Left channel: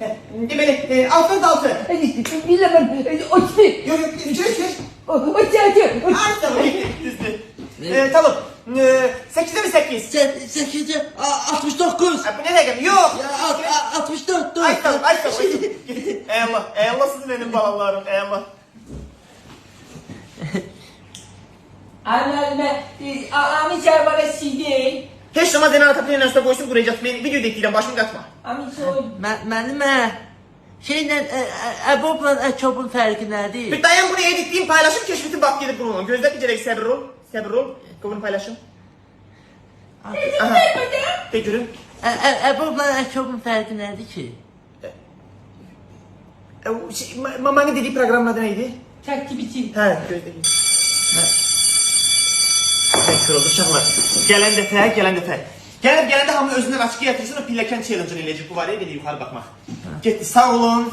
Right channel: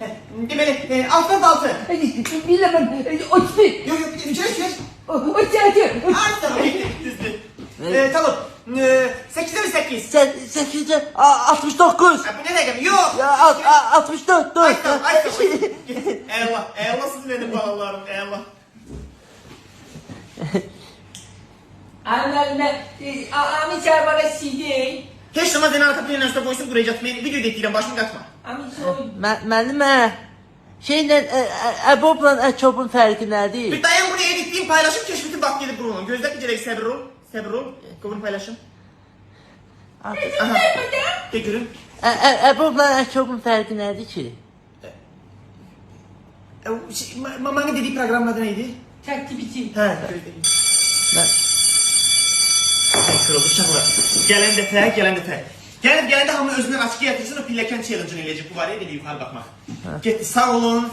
Deməli, 66. Bilemem. 31. Yok, çeş. 36. Ay, tamam, düzdür. Tamam, 8'e mi 8? 8'e 69. Bu ne demek? Yok. Ya 64. Ay, tamam. Allah siz benim balalarım, Allah. Anne, Ami çay bana CD. Heç zaman səni atapın üstə qoysun, buraya çatmayın. Video deyirəm, başımı qatma. Ami soy. Müəllimə, şeylə Əbobla Əkobun fərqi Bir nədir? dayan bunu editleyeyim, paylaşım, keşfetim bak gelip bunu. Gözler bir gerek sabır ol. Bunu paylaşım. Aha. De görün. Əbobla Əkobun fərqi nədir ki? Mamanın dediği programın adı neydi? Takipçi. He, gözleyin. Kırıldı uşaqlar. Gələn dəfə. Gələndə hamı özündən açıq yatırsın, o pilləkən challenge-ını eləyəcək. Bu var ya, belə yuxarı baxmaq. Getdi, sağ olun.